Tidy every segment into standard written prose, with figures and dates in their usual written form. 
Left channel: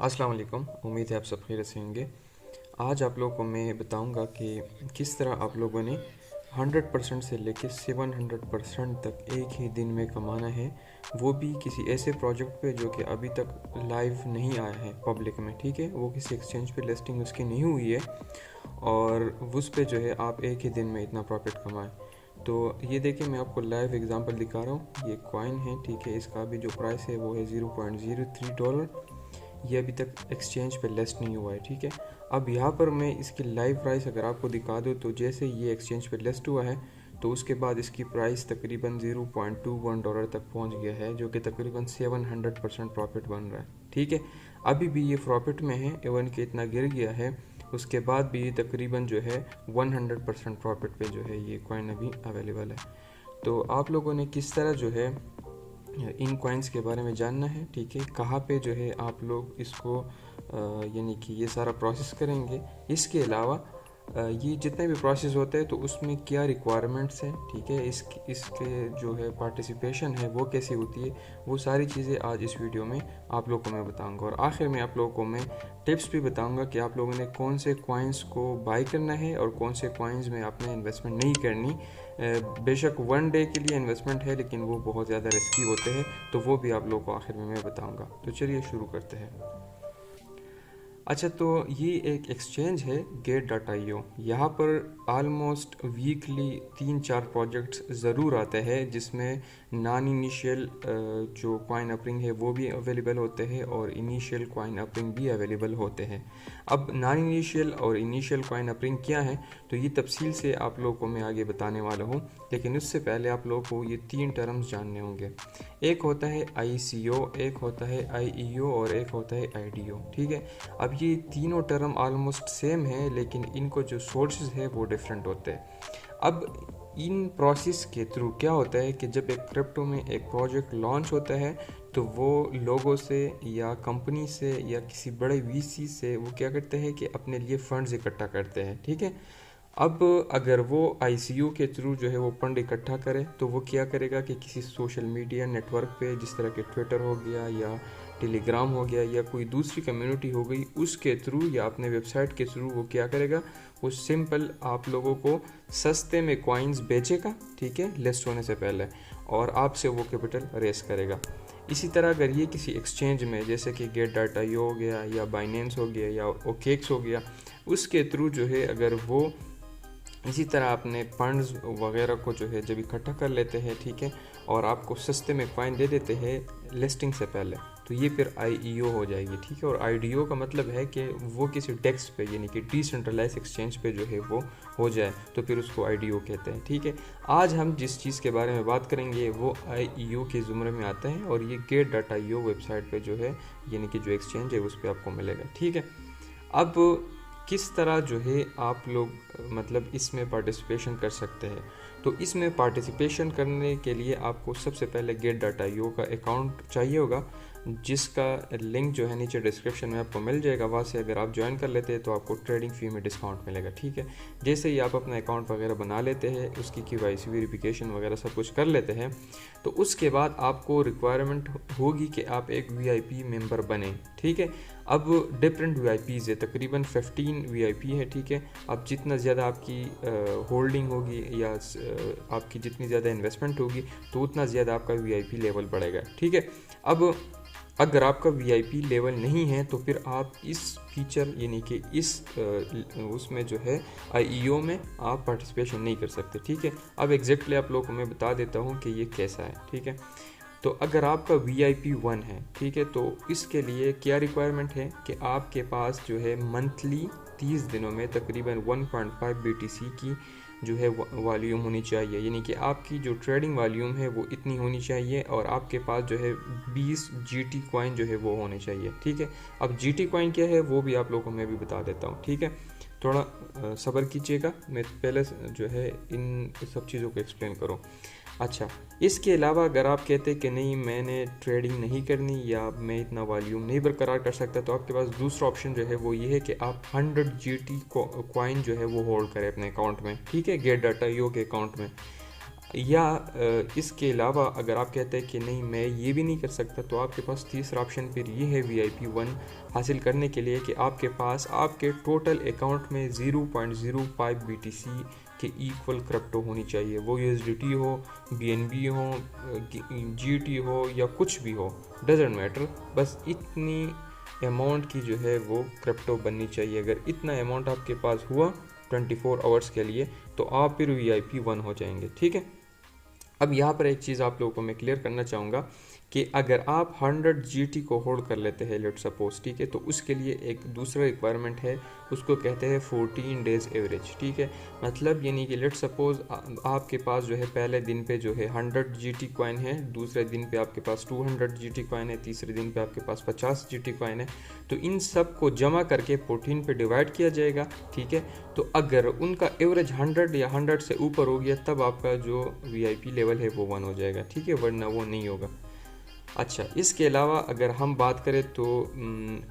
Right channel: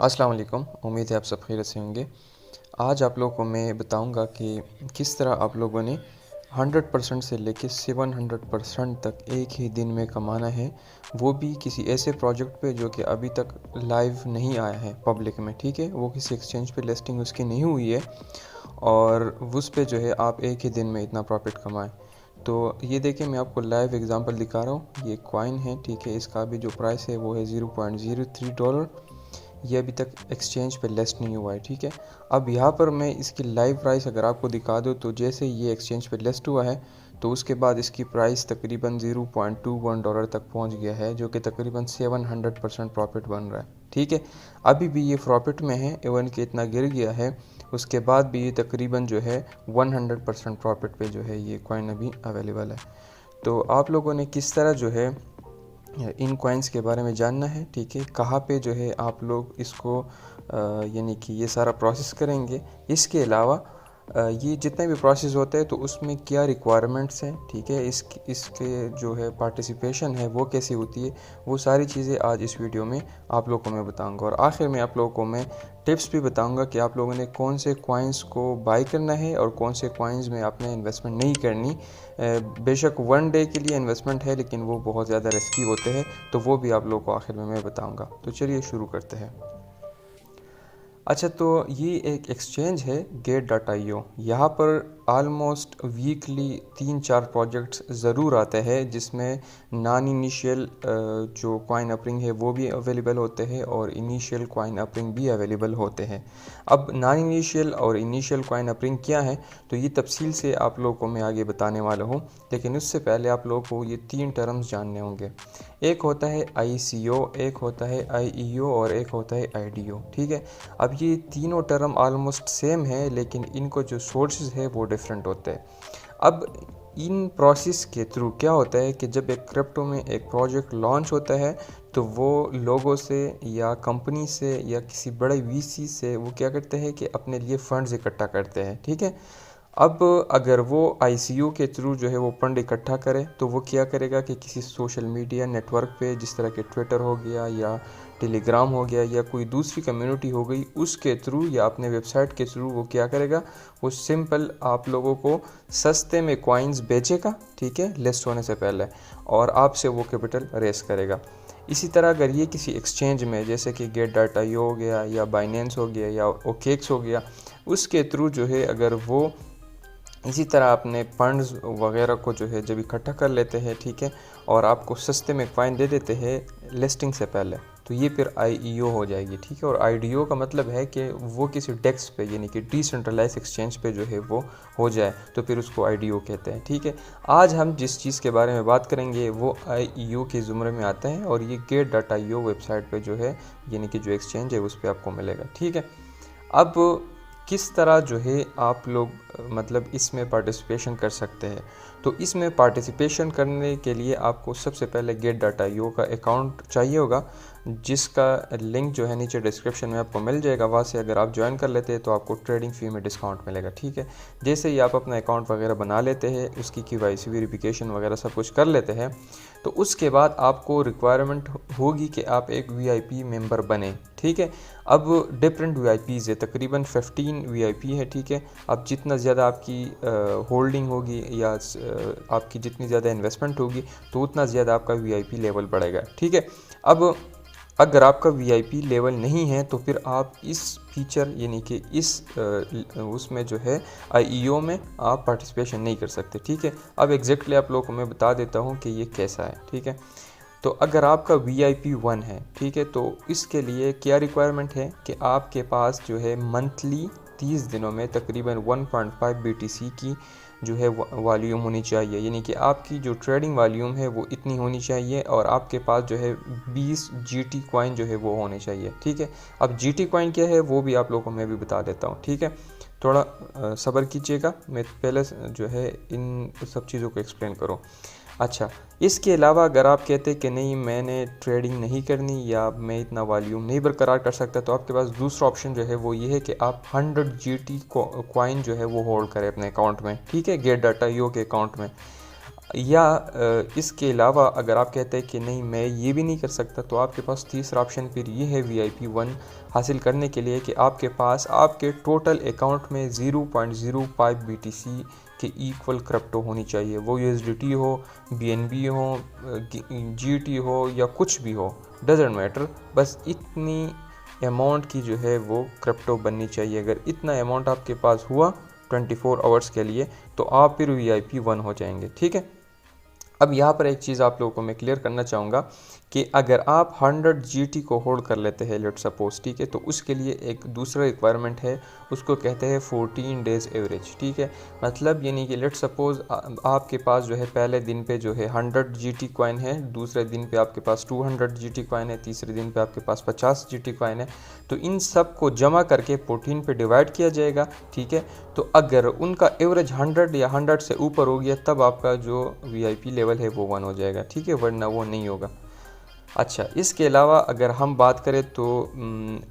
अस्सलाम वालेकुम। उम्मीद है आप सब खैरियत से होंगे। आज आप लोगों को मैं बताऊंगा कि किस तरह आप लोगों ने 100% से लेके 700% तक एक ही दिन में कमाना है, वो भी किसी ऐसे प्रोजेक्ट पे जो कि अभी तक लाइव नहीं आया है पब्लिक में। ठीक है, वो किसी एक्सचेंज पे लिस्टिंग उसकी नहीं हुई है और उस पे जो है आप एक ही दिन में इतना प्रॉफिट कमाएं। तो ये देखिए, मैं आपको लाइव एग्जांपल दिखा रहा हूँ। ये कॉइन है, ठीक है, इसका भी जो प्राइस है वो है $0.03। ये अभी तक एक्सचेंज पे लिस्ट नहीं हुआ है। ठीक है, अब यहाँ पर मैं इसकी लाइव प्राइस अगर आपको दिखा दूँ तो जैसे ये एक्सचेंज पे लिस्ट हुआ है तो उसके बाद इसकी प्राइस तकरीबन $0.21 तक पहुँच गया है, जो कि तकरीबन 700% प्रॉफिट बन रहा है। ठीक है, अभी भी ये प्रॉफिट में है, इवन कि इतना गिर गया है, उसके बाद भी ये तकरीबन जो है 100% प्रॉफिट पे जो है ये कॉइन अभी अवेलेबल है। तो आप लोगों ने किस तरह जो है इन कॉइन्स के बारे में जानना है, ठीक है, कहाँ पे जो है आप लोग इसको यानी कि ये सारा प्रोसेस करेंगे। इसके अलावा ये जितने भी प्रोसेस होते हैं तो उसमें क्या रिक्वायरमेंट्स हैं, ठीक है, इस पे जो है पार्टिसिपेशन है वो कैसे होती है, वो सारी चीज़ें आज इस वीडियो में आप लोगों को मैं बताऊंगा। और आखिर में आप लोगों को मैं टिप्स भी बताऊंगा कि आप लोगों ने कौन से कॉइन्स को बाय करना है और कौन से कॉइन्स में आपने इन्वेस्टमेंट नहीं करनी। बेशक 1 डे के लिए इन्वेस्टमेंट है लेकिन वो बहुत ज़्यादा रिस्की होते हैं, तो वो भी आप लोगों को आखिर में मैं बताऊंगा। तो चलिए शुरू करते हैं। अच्छा, तो ये एक एक्सचेंज है Gate.io। यहाँ पर आलमोस्ट वीकली 3-4 प्रोजेक्ट्स ज़रूर आते हैं जिसमें नॉन इनिशियल जो कॉइन अपरिंग है वो भी अवेलेबल होते हैं और इनिशियल कॉइन अपरिंग भी अवेलेबल होते हैं। अब नॉन इनिशियल और इनिशियल कॉइन अपरिंग क्या है तो ये तफसील से आप लोगों को मैं आगे बताने वाला हूँ, लेकिन उससे पहले आप लोगों को ये 3 टर्म्स जानने होंगे। एक होता है ICO, एक होता है IEO और एक होता है IDO। ठीक है, अब ये तीनों टर्म ऑलमोस्ट सेम है लेकिन इनको जो सोर्सेज है वो डिफरेंट होते हैं। अब इन प्रोसेस के थ्रू क्या होता है कि जब एक क्रिप्टो में एक प्रोजेक्ट लॉन्च होता है तो वो लोगों से या कंपनी से या किसी बड़े VC से वो क्या करते हैं कि अपने लिए फंड्स इकट्ठा करते हैं। ठीक है, अब अगर वो ICO के थ्रू जो है वो फंड इकट्ठा करे तो वो क्या करेगा कि किसी सोशल मीडिया नेटवर्क पे, जिस तरह के ट्विटर हो गया या टेलीग्राम हो गया या कोई दूसरी कम्युनिटी हो गई, उसके थ्रू या अपने वेबसाइट के थ्रू वो क्या करेगा, वो सिंपल आप लोगों को सस्ते में कॉइन्स बेचेगा, ठीक है, लिस्ट होने से पहले, और आपसे वो कैपिटल रेस करेगा। इसी तरह अगर ये किसी एक्सचेंज में जैसे कि Gate.io हो गया या बाइनेंस हो गया या OKX हो गया, उसके थ्रू जो है अगर वो इसी तरह अपने फंड्स वगैरह को जो है जब इकट्ठा कर लेते हैं, ठीक है, और आपको सस्ते में कॉइन दे देते हैं लिस्टिंग से पहले, तो ये फिर IEO हो जाएगी। ठीक है, और IDO का मतलब है कि वो किसी डेस्क पे यानी कि डिसेंट्रलाइज एक्सचेंज पे जो है वो हो जाए, तो फिर उसको IDO कहते हैं। ठीक है, आज हम जिस चीज़ के बारे में बात करेंगे वो IEO के ज़ुमरे में आता है और ये Gate.io वेबसाइट पर जो है यानी कि जो एक्सचेंज है उस पर आपको मिलेगा। ठीक है, अब किस तरह जो है आप लोग मतलब इसमें पार्टिसिपेशन कर सकते हैं। तो इसमें पार्टिसिपेशन करने के लिए आपको सबसे पहले Gate.io का अकाउंट चाहिए होगा, जिसका लिंक जो है नीचे डिस्क्रिप्शन में आपको मिल जाएगा। वहाँ से अगर आप ज्वाइन कर लेते हैं तो आपको ट्रेडिंग फ़ी में डिस्काउंट मिलेगा। ठीक है, जैसे ही आप अपना अकाउंट वगैरह बना लेते हैं, उसकी KYC वेरिफिकेशन वगैरह सब कुछ कर लेते हैं, तो उसके बाद आपको रिक्वायरमेंट होगी कि आप एक VIP मेंबर बने। ठीक है, अब डिफरेंट VIPs है, तकरीबन 15 VIP है। ठीक है, अब जितना ज़्यादा आपकी होल्डिंग होगी या आपकी जितनी ज़्यादा इन्वेस्टमेंट होगी तो उतना ज़्यादा आपका VIP लेवल बढ़ेगा। ठीक है, अब अगर आपका VIP लेवल नहीं है तो फिर आप इस फीचर यानी कि इस उसमें जो है IEO में आप पार्टिसिपेशन नहीं कर सकते। ठीक है, अब एग्जैक्टली आप लोगों को मैं बता देता हूँ कि ये कैसा है। ठीक है, तो अगर आपका VIP 1 है, ठीक है, तो इसके लिए क्या रिक्वायरमेंट है कि आपके पास जो है मंथली 30 दिनों में तकरीबन 1.5 BTC की जो है वॉल्यूम होनी चाहिए, यानी कि आपकी जो ट्रेडिंग वॉल्यूम है वो इतनी होनी चाहिए और आपके पास जो है 20 GT कॉइन जो है वो होने चाहिए। ठीक है, अब GT कॉइन क्या है वो भी आप लोगों को मैं भी बता देता हूँ। ठीक है, थोड़ा सब्र कीजिएगा, मैं पहले जो है इन सब चीज़ों को एक्सप्लेन करूँ। अच्छा, इसके अलावा अगर आप कहते हैं कि नहीं मैंने ट्रेडिंग नहीं करनी या मैं इतना वॉल्यूम नहीं बरकरार कर सकता, तो आपके पास दूसरा ऑप्शन जो है वो ये है कि आप 100 GT कॉइन जो है वो होल्ड करें अपने अकाउंट में। ठीक है, Gate.io के अकाउंट में। या इसके अलावा अगर आप कहते हैं कि नहीं मैं ये भी नहीं कर सकता, तो आपके पास तीसरा ऑप्शन फिर ये है VIP 1 हासिल करने के लिए कि आपके पास आपके टोटल अकाउंट में 0.05 BTC के इक्वल क्रिप्टो होनी चाहिए। वो USDT हो, BNB हो, GT हो या कुछ भी हो, डजेंट मैटर, बस इतनी अमाउंट की जो है वो क्रिप्टो बननी चाहिए। अगर इतना अमाउंट आपके पास हुआ 24 आवर्स के लिए तो आप फिर VIP 1 हो जाएंगे। ठीक है। अब यहाँ पर एक चीज़ आप लोगों को मैं क्लियर करना चाहूँगा कि अगर आप 100 GT को होल्ड कर लेते हैं लेट सपोज, ठीक है, तो उसके लिए एक दूसरा रिक्वायरमेंट है, उसको कहते हैं 14 डेज़ एवरेज। ठीक है, मतलब यानी कि लेट सपोज आपके पास जो है पहले दिन पे जो है 100 GT कॉइन है, दूसरे दिन पे आपके पास 200 GT कॉइन है, तीसरे दिन पे आपके पास 50 GT कॉइन है। तो इन सब को जमा करके 14 पे डिवाइड किया जाएगा। ठीक है, तो अगर उनका एवरेज 100 या 100 से ऊपर हो गया तब आपका जो VIP लेवल है वो 1 हो जाएगा। ठीक है, वरना वो नहीं होगा। अच्छा, इसके अलावा अगर हम बात करें तो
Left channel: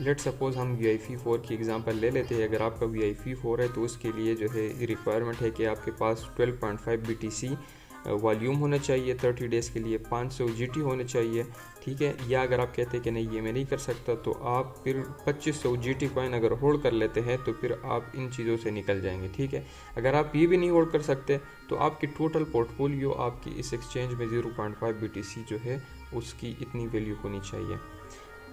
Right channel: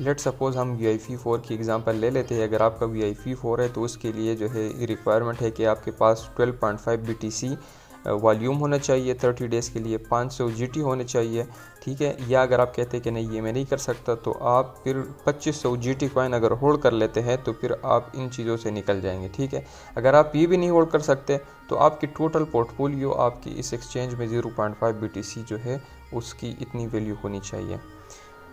लेट सपोज़ हम VIP 4 की एग्ज़ाम्पल ले लेते हैं। अगर आपका VIP 4 है तो उसके लिए जो है रिक्वायरमेंट है कि आपके पास 12.5 BTC वॉल्यूम होना चाहिए 30 डेज़ के लिए, 500 GT होने चाहिए। ठीक है, या अगर आप कहते हैं कि नहीं ये मैं नहीं कर सकता तो आप फिर 2500 GT कॉइन अगर होल्ड कर लेते हैं तो फिर आप इन चीज़ों से निकल जाएंगे। ठीक है, अगर आप ये भी नहीं होल्ड कर सकते तो आपकी टोटल पोर्टफोलियो आपकी इस एक्सचेंज में 0.5 BTC जो है उसकी इतनी वैल्यू होनी चाहिए।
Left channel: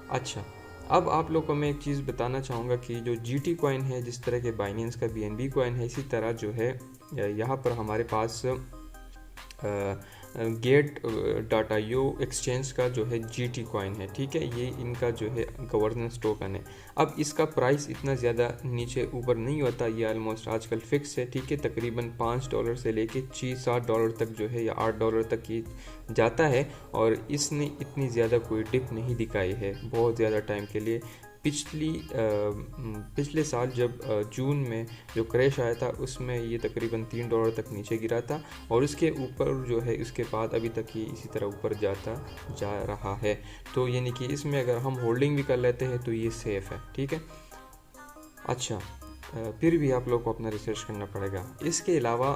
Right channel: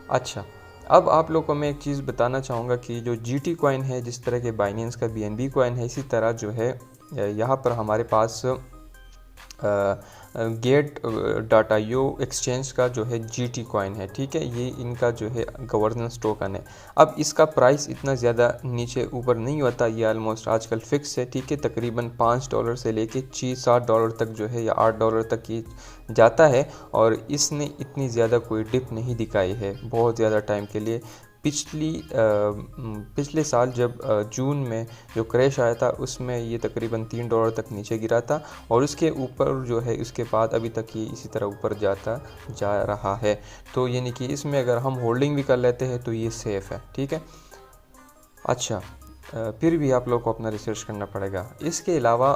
अच्छा, अब आप लोग को मैं एक चीज़ बताना चाहूँगा कि जो GT कॉइन है, जिस तरह के बाइनेंस का BNB कॉइन है, इसी तरह जो है यहाँ पर हमारे पास Gate.io एक्सचेंज का जो है GT कॉइन है। ठीक है, ये इनका जो है गवर्नेंस टोकन है। अब इसका प्राइस इतना ज़्यादा नीचे ऊपर नहीं होता, ये ऑलमोस्ट आजकल फिक्स है। ठीक है, तकरीबन $5 से लेके $6-7 तक जो है या $8 तक की जाता है, और इसने इतनी ज़्यादा कोई डिप नहीं दिखाई है बहुत ज़्यादा टाइम के लिए। पिछले साल जब जून में जो क्रैश आया था उसमें ये तकरीबन $3 तक नीचे गिरा था, और उसके ऊपर जो है उसके बाद अभी तक ये इसी तरह ऊपर जाता जा रहा है। तो यानी कि इसमें अगर हम होल्डिंग भी कर लेते हैं तो ये सेफ़ है। ठीक है। अच्छा, फिर भी आप लोग को अपना रिसर्च करना पड़ेगा। इसके अलावा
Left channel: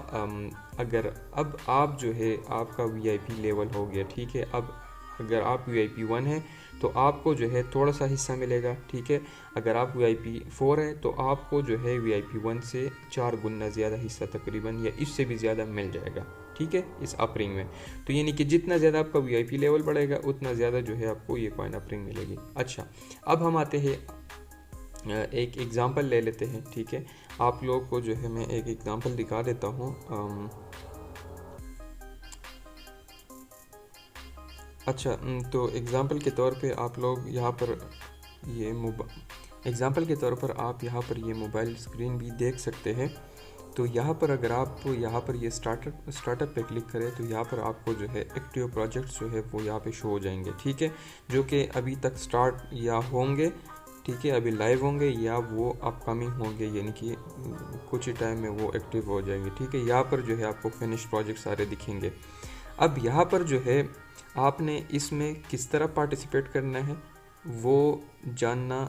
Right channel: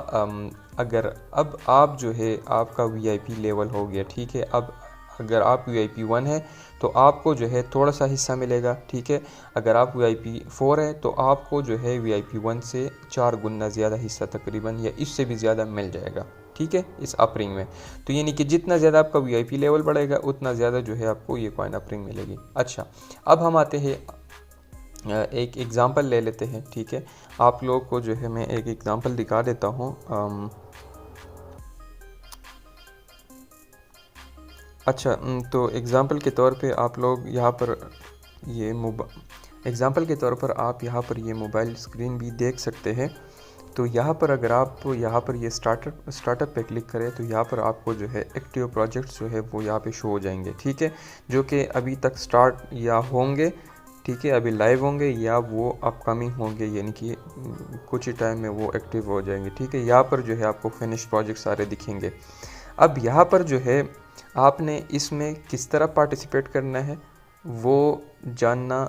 अगर अब आप जो है आपका VIP लेवल हो गया, ठीक है, अब अगर आप VIP 1 है तो आपको जो है थोड़ा सा हिस्सा मिलेगा। ठीक है, अगर आप VIP 4 है तो आपको जो है VIP 1 से 4 गुना ज़्यादा हिस्सा तकरीबन या इससे भी ज़्यादा मिल जाएगा। ठीक है, इस अपरिंग में। तो यानी कि जितना ज़्यादा आपका VIP लेवल बढ़ेगा उतना ज़्यादा जो है आपको ये कॉइन अपरिंग मिलेगी। अच्छा, अब हम आते हैं एक एग्ज़ाम्पल ले लेते हैं। ठीक है, आप लोग को जो है मैं एक एग्ज़ाम्पल दिखा देता हूँ। अच्छा, तो एग्ज़ाम्पल के तौर पे आप लोग यहाँ पर ये एग्ज़ाम्पल के तौर पर आप यहाँ पर ये मोबाइल स्क्रीन भी देख सकते हैं। तो यहाँ पर अगर आप यहाँ पर ये स्टार्टअप पे क्लिक करें तो यहाँ पर आपको जो है एक्टिव प्रोजेक्ट्स जो है वो यहाँ पे शो हो जाएंगे। ठीक है, जो कि अभी तक स्टार्ट या होंगे, ठीक है, अभी लाइव होंगे या वो अपकमिंग होंगे, यानी कि कुछ ही टाइम में वो एक्टिव हो जाएंगे। ठीक है, यहाँ पर जो है आपको फिनिश प्रोजेक्ट सारे दिखेंगे। अब यहाँ पर जो है आपने इसमें किस तरह पार्टिसिपेट करना है वो जानना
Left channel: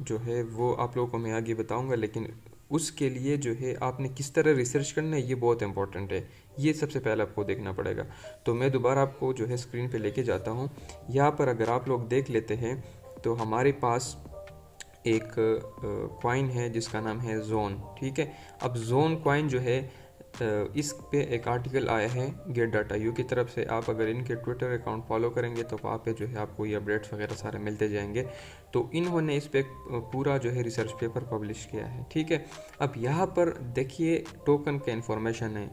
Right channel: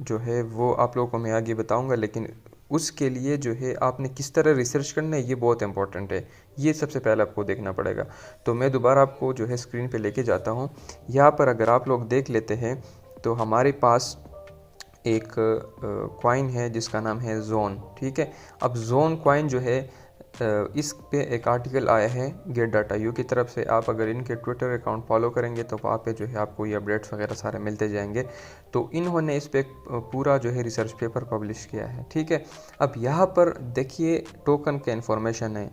जो है वो आप लोगों को मैं आगे बताऊंगा, लेकिन उसके लिए जो है आपने किस तरह रिसर्च करना है ये बहुत इंपॉर्टेंट है। ये सबसे पहले आपको देखना पड़ेगा। तो मैं दोबारा आपको जो है स्क्रीन पे लेके जाता हूँ। यहाँ पर अगर आप लोग देख लेते हैं तो हमारे पास एक कॉइन है जिसका नाम है जोन। ठीक है, अब जोन कॉइन जो है इस पे एक आर्टिकल आया है Gate.io की तरफ से। आप अगर इनके ट्विटर अकाउंट फॉलो करेंगे तो वहाँ पे जो है आपको ये अपडेट्स वगैरह सारे मिलते जाएंगे। तो इन्होंने इस पे पूरा जो है रिसर्च पेपर पब्लिश किया है। ठीक है, अब यहाँ पर देखिए टोकन का इन्फॉर्मेशन है,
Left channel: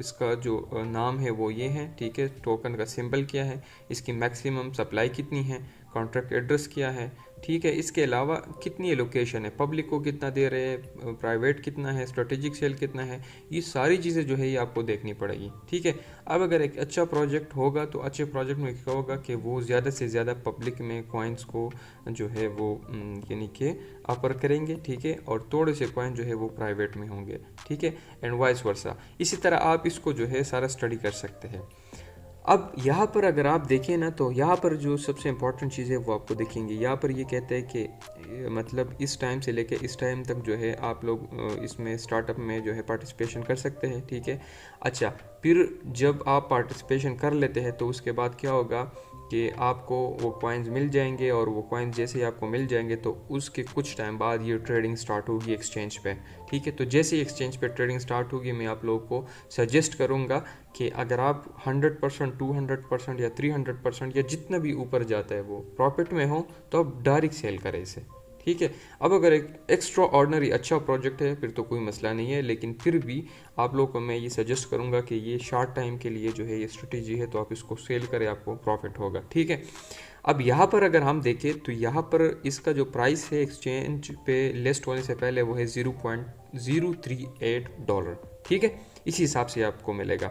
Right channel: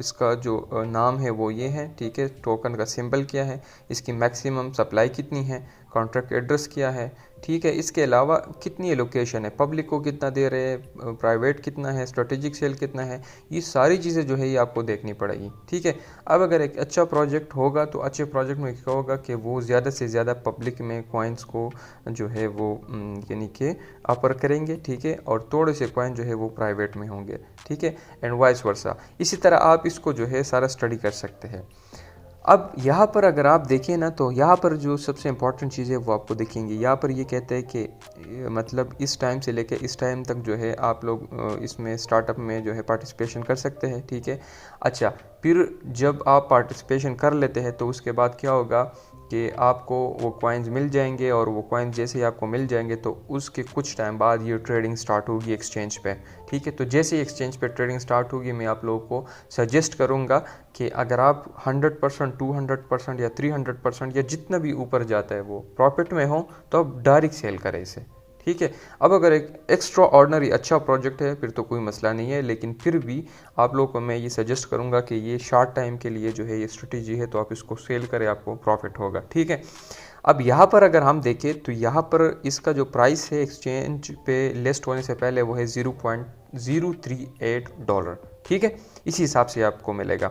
इसका जो नाम है वो ये है। ठीक है, टोकन का सिंबल क्या है, इसकी मैक्सिमम सप्लाई कितनी है, कॉन्ट्रैक्ट एड्रेस क्या है। ठीक है, इसके अलावा कितनी एलोकेशन है, पब्लिक को कितना दे रहे हैं, प्राइवेट कितना है, स्ट्रेटेजिक सेल कितना है, ये सारी चीज़ें जो है ये आपको देखनी पड़ेगी। ठीक है, अब अगर एक अच्छा प्रोजेक्ट होगा तो अच्छे प्रोजेक्ट में क्या होगा कि वो ज़्यादा से ज़्यादा पब्लिक में कॉइन्स को जो है वो यानी कि ऑफर करेंगे। ठीक है, और थोड़े से कॉइन जो है वो प्राइवेट में होंगे। ठीक है, एंड वाइस वर्सा। इसी तरह आप इसको जो है सारा स्टडी कर सकते हैं। अब यहाँ पर अगर आप देखें ना तो यहाँ पर जो सबसे इम्पॉर्टेंट चीज़ है वो आपको दिखेंगी। यहाँ पर ये कहते हैं कि मतलब इस टाइम से लेकर इस टाइम तक जो है आप लोग इसमें स्टार्टअप में जो है पार्टिसिपेशन कर सकते हैं। ठीक है, अच्छा, फिर जब आप पार्टिसिपेशन कर लेते हैं तो उसके बाद क्या होगा कि आपको वो कॉइन्स मिल जाएंगे, और वो कॉइन्स जैसे ही आपको मिल जाएंगे तो उसके कुछ टाइम बाद ये ट्रेडिंग स्टार्ट होगी एक्सचेंज पे, ठीक है। तो जैसे ही एक्सचेंज पे ट्रेडिंग स्टार्ट होगी, मैं आप लोगों को सजेस्ट करूँगा कि अगर आप 100%, 200% या 300% या जितना भी ऊपर जाता है वो प्रॉफिट में हो, तो आप डायरेक्ट सेल करें इसे, ठीक है। अब अगर एक एक्स्ट्रा ऑर्डिनरी अच्छा प्रोजेक्ट है फिर तो कोई मसला नहीं है, लेकिन फिर भी आप लोगों को मैं ये सजेस्ट करूँगा कि ये शॉर्ट टाइम के लिए जो है ये स्ट्रेटेजी है, तो आप इसको सेल करें, आपको प्रॉफिट होगा, ठीक है। अब यहाँ पर अगर हम देखें तो यहाँ पर इसका जो प्राइस है एक्सचेंज पे लिस्ट होने से पहले वो है $0.038, ठीक है। इसी हिसाब से आपको मिलेगा।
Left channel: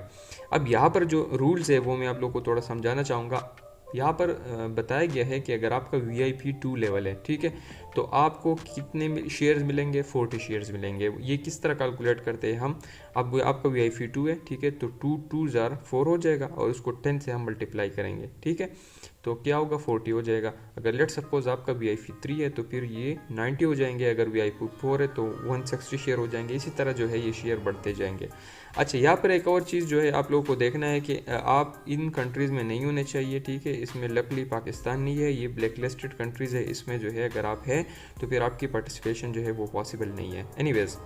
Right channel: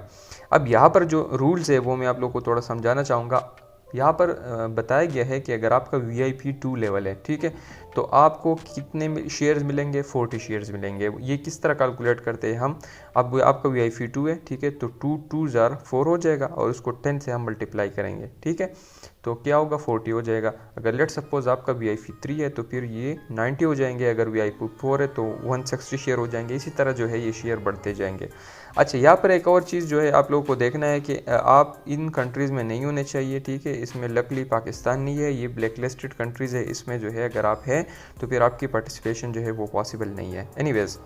अब यहाँ पर जो रूल्स है वो मैं आप लोगों को थोड़ा समझाना चाहूँगा। यहाँ पर बताया गया है कि अगर आपका VIP 2 लेवल है, ठीक है, तो आपको कितने शेयर्स मिलेंगे, 40 शेयर्स मिलेंगे। ये किस तरह कैलकुलेट करते हैं हम, अब आपका VIP 2 है, ठीक है, तो 2 2 ज़ार 4 हो जाएगा, और उसको 10 से हम मल्टीप्लाई करेंगे, ठीक है, तो क्या होगा 40 हो जाएगा। अगर लेट सपोज आपका VIP 3 है तो फिर ये 90 हो जाएंगे, अगर VIP 4 है तो 160 शेयर हो जाएंगे। इसी तरह जो है ये शेयर बढ़ते जाएंगे। अच्छा, यहाँ पर एक और चीज़ जो है आप लोगों को देखना है कि आप इन कंट्रीज़ में नहीं होने चाहिए, ठीक है। इसमें लकली पाकिस्तान नहीं है, ये ब्लैक लिस्टेड कंट्रीज़ है। इसमें जो है अगर आप हैं तो फिर आपकी पार्टिसिपेशन जो है वो पॉसिबल नहीं है। एनीवेज़,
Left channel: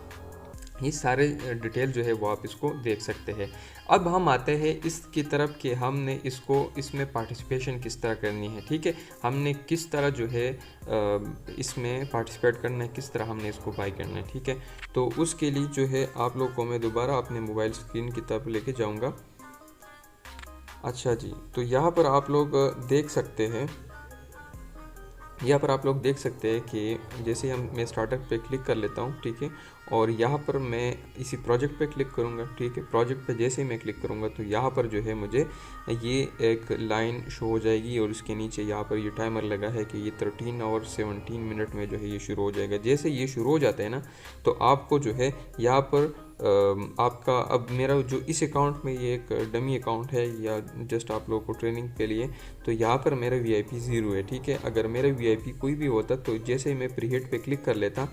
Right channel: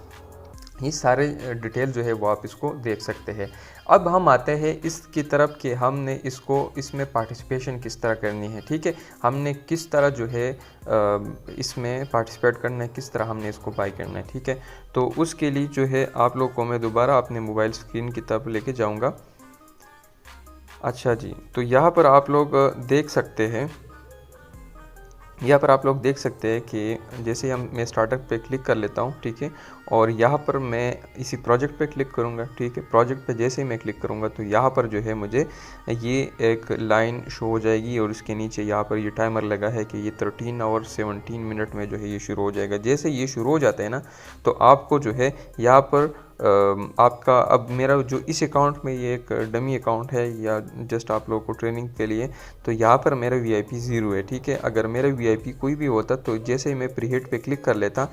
ये सारे डिटेल जो है वो आप इसको देख सकते हैं। अब हम आते हैं इसकी तरफ कि हमने इसमें पार्टिसिपेशन किस तरह करनी है, ठीक है। हमने किस तरह जो है इसमें पार्टिसिपेट करना है, किस तरह हमने इसको बाई करना है, ठीक है। तो उसके लिए जो है आप लोग को मैं दोबारा अपने मोबाइल स्क्रीन की तरफ लेके जाऊंगा। अच्छा जी, तो यहाँ पर आप लोग देख सकते हैं, यहाँ पर आप लोग देख सकते हैं कि जैसे मैं स्टार्टअप पे क्लिक कर लेता हूँ, ठीक है, और यहाँ पर मैं इसी प्रोजेक्ट पे क्लिक करूँगा, ठीक है। प्रोजेक्ट पे जैसे ही मैं क्लिक करूँगा तो यहाँ पर जो है मुझे ये एक लाइन शो हो जाएगी, और उसके नीचे यहाँ पर ये टाइमर लगा है कि ये 13 और 17 मिनट में जो है ये शुरू हो जाएगा। जैसे ये शुरू हो जाता है ना, तो आपको जो है यहाँ पर आपका, अब मेरा जो इस अकाउंट में ये एक डमी अकाउंट है या जस्ट आप लोगों को ट्रेनिंग के लिए, तो यहाँ पर मेरा VIP 0 है, ठीक है। अगर मेरा VIP कोई भी होता तो जैसे ही मैं प्रीहिट पे क्लिक कर लेता,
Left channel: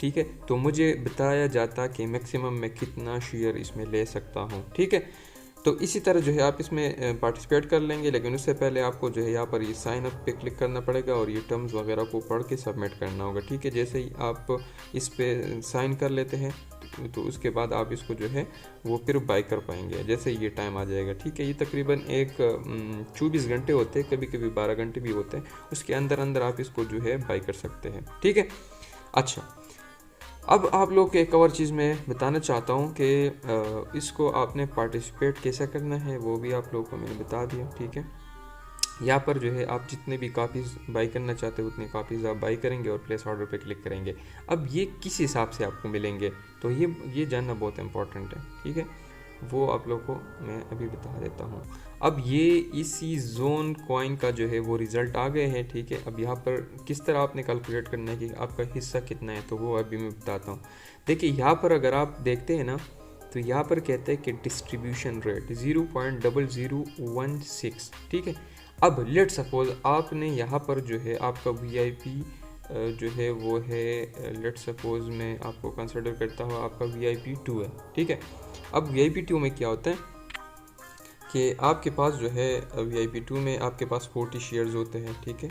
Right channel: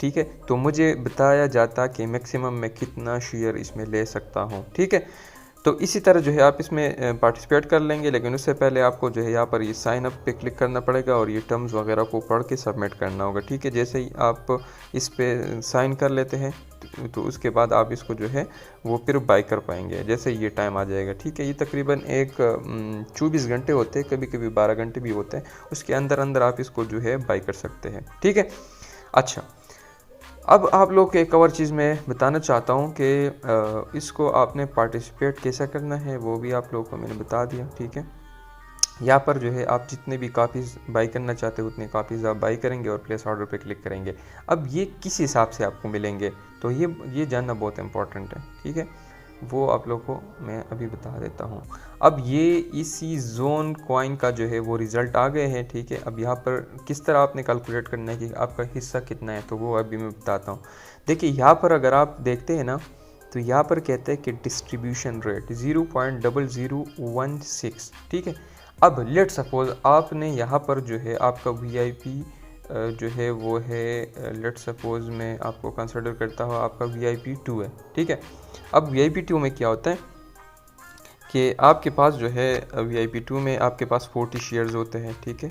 ठीक है, तो मुझे बताया जाता कि मैक्सिमम मैं कितना शेयर इसमें ले सकता हूँ, ठीक है। तो इसी तरह जो है आप इसमें पार्टिसिपेट कर लेंगे, लेकिन उससे पहले आपको जो है यहाँ पर ये साइन अप पे क्लिक करना पड़ेगा और ये टर्म्स वगैरह को पढ़ के सबमिट करना होगा, ठीक है। जैसे ही आप इस पे साइन कर लेते हैं तो उसके बाद आप इसको जो है वो फिर बाई कर पाएंगे जैसे ये टाइम आ जाएगा, ठीक है। ये तकरीबन 24 घंटे होते हैं, कभी कभी 12 घंटे भी होते हैं, उसके अंदर अंदर आप इसको जो है बाई कर सकते हैं, ठीक है। अच्छा, अब आप लोग को एक और चीज़ मैं बताना चाहता हूँ कि इसको आपने पार्टिसिपेट कैसा करना है वो भी आप लोगों को मैंने बता दिया, ठीक है। यहाँ पर जो है आप जितने भी कापीज़ बाई करना चाहते हो उतने कापीज़ आप बाई करेंगे और प्लेस ऑर्डर पे क्लिक करेंगे। अब ये किस हिसाब से आपको मिलेंगे, तो ये जानना बहुत इंपॉर्टेंट है, ठीक है। वो आप लोग को मैं अभी बता देता हूँ। अब ये इसी जोन कॉइन का जो है वो रिज़ल्ट आ गए हैं, ठीक है। अब यहाँ पर किस तरह आपने कैलकुलेट करना है कि आपका हिस्सा कितना है, तो वो अभी मैं बताता हूँ। देखिए यहाँ पर अगर आप देखते हैं ना, तो यहाँ पर कहते हैं कि डिस्ट्रीब्यूशन रेट 0.0016, ठीक है। अब लेट सपोज आपने यहाँ पर जो है आपका VIP जो है वो है, लेट सपोज मैं आपको कंसिडर करता हूँ आपका VIP 2 है, ठीक है। अब VIP 2 में क्या होता है कि आपके पास जो है VIP 2 में आपके पास 40 शेयर्स होते हैं, ठीक है।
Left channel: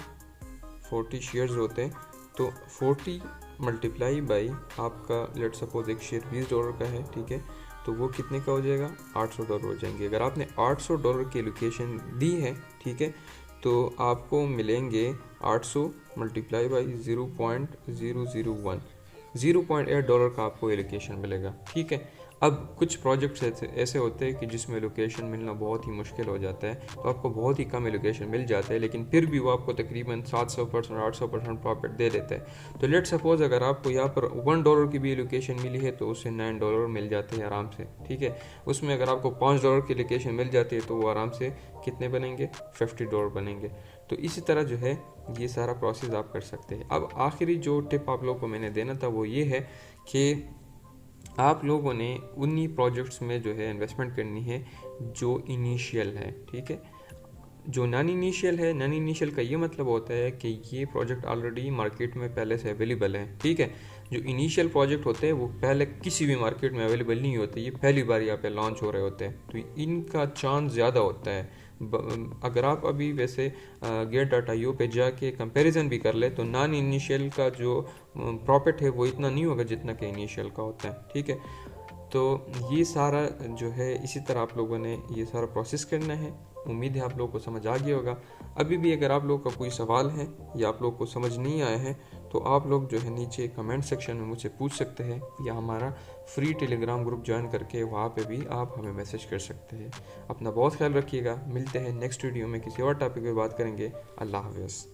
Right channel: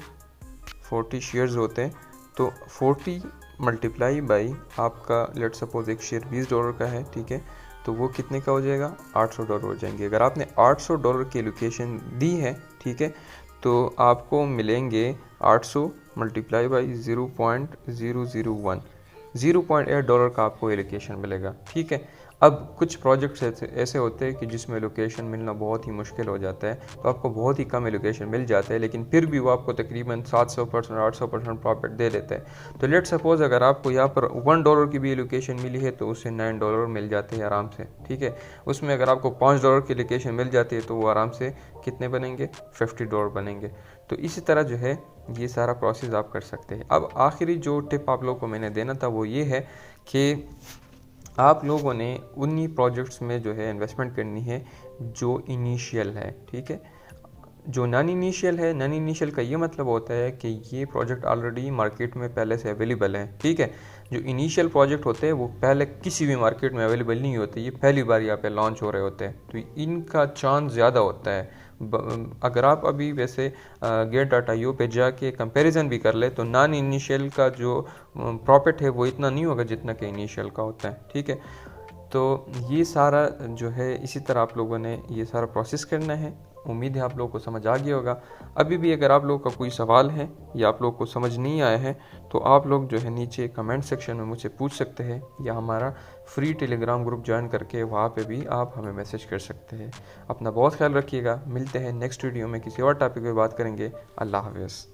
40 शेयर्स होते हैं, तो 40 मल्टीप्लाई बाई आपका लेट सपोज एक शेयर $20 का है, ठीक है, तो वो कितने का हो जाएगा, $800 हो जाएंगे। अगर आपने $800 की लोकेशन दी है, ठीक है, तो आपको मिलेंगे 800 मल्टीप्लाई बाई 0.001, $0.8 का आपको एलोकेशन मिलेगा, ठीक है। अब कुछ प्रोजेक्ट्स ऐसे होते हैं कि जिसमें लोकेशन मिलना बहुत ही मुश्किल हो जाता है, तो आपको बहुत ही कम एलोकेशन मिल जाता है, लेकिन फिर भी वो आपको तकरीबन 700% 800% प्रॉफिट दे देता है। तो लेट सपोज अगर आपको यहाँ पर $1 की भी एलोकेशन मिली है तो उससे $9 मिल जाते हैं आराम से, ठीक है। उसमें अगर आपको $5 की एलोकेशन मिल जाती है तो वो आराम से कितने बनेंगे, $50 बनेंगे। तो इसी तरह जो है ये सारा प्रोसेस आप कर सकते हैं। अब आखिरी जो टिप आप लोगों को मैंने देना था वो ये है कि आप लोगों ने उन्हीं प्रोजेक्ट्स में जो है इन्वेस्टमेंट करनी है जो इनिशियल है, ठीक है। जो नॉन इनिशियल है, नॉन इनिशियल का ये मतलब होता है कि ये प्रोजेक्ट ऑलरेडी मार्केट में पहले से अवेलेबल है, ठीक है। जो इनिशियल प्रोजेक्ट होते हैं वो पहले किसी भी मार्केट में अवेलेबल नहीं होते, ये पहली बार यहाँ पे लॉन्च हो रहे होते हैं, तो इनका चांस ज़्यादा होता है अगर आप अभी वैसे get.io पे जाके कंपैरिजन भी कर ले तो नॉन इनिशियल का जो प्रॉफिट है वो इतना नहीं होगा जितना कि इनिशियल का होता है, ठीक है। तो ये सारा जो है इसी तरह आप लोगों ने ये सारा प्रोसेस करना है। उम्मीद है आप लोगों को समझ आ गया होगा। अभी भी अगर आप लोगों का कोई सवाल है या आप लोगों को समझ नहीं आया है तो आप लोग जो है नीचे कमेंट सेक्शन में मुझसे पूछ सकते हैं, या हमारा फ्री टेलीग्राम ग्रुप ज्वाइन करके वहाँ पे भी आप हमें मैसेज कर सकते हैं। अपना बहुत ख्याल रखिएगा। मिलते हैं नेक्स्ट वीडियो में, किसी और टॉपिक पे बात करेंगे। अल्लाह हाफ़िज़।